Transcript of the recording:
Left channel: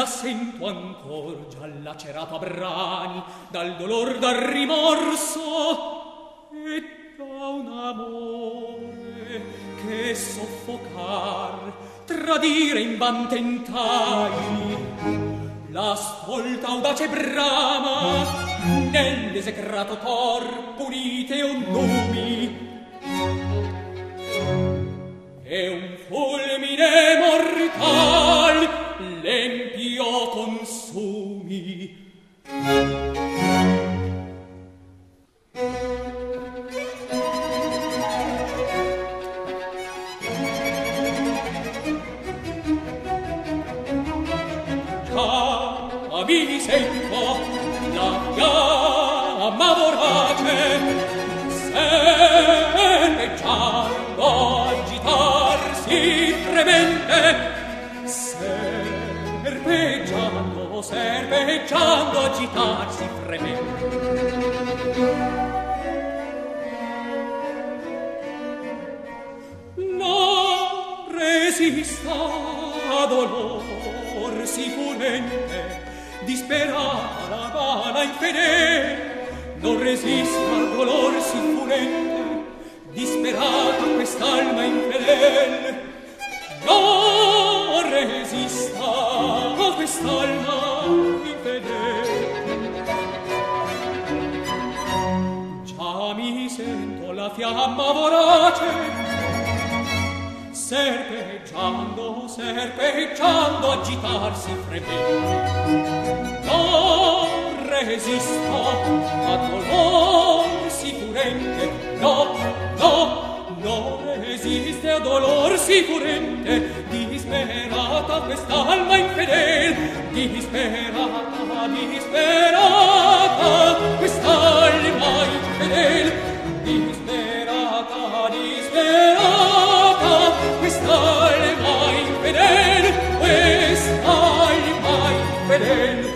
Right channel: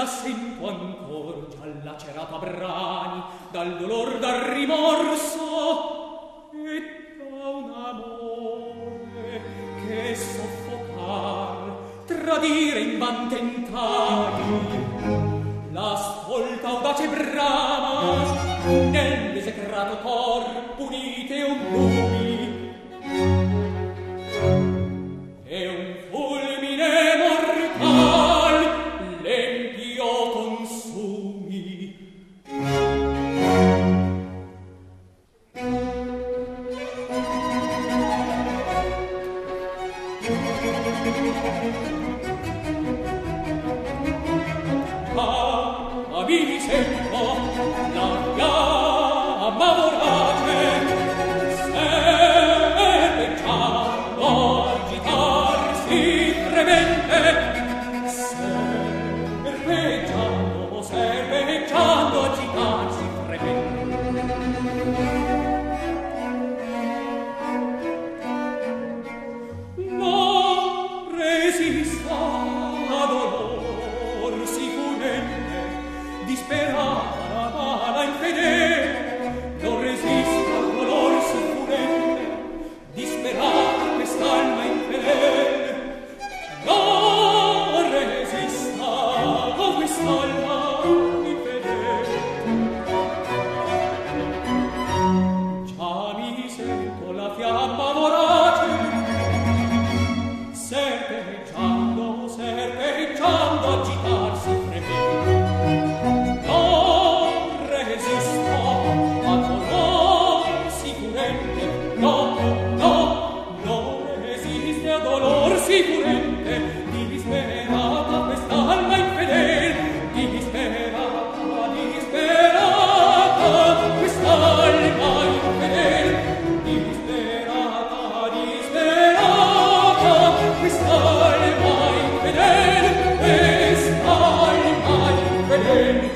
la sento ancor già lacerata a brani dal dolor, dal rimorso e da un amore che soffocar, tradire in van tentai. La stolta audace brama nell'esecrato cor punite un numi e un fulmine mortal l'empio consumi. Già mi sento la fiamma vorace serpeggiando, agitarsi fremente, serpeggiando, agitarsi fremente. Non resista dolor si furente, disperata la bala infedele. Non resista dolor si furente, disperata quest'alma infedele. Non resista quest'alma infedele. Già mi sento la fiamma vorace serpeggiando, agitarsi fremente. Non resisto a dolor si furente, no, non resiste a dolor si furente, disperata quest'alma infedele, disperata quest'alma infedele, disperata quest'alma infedele, quest'alma infedele.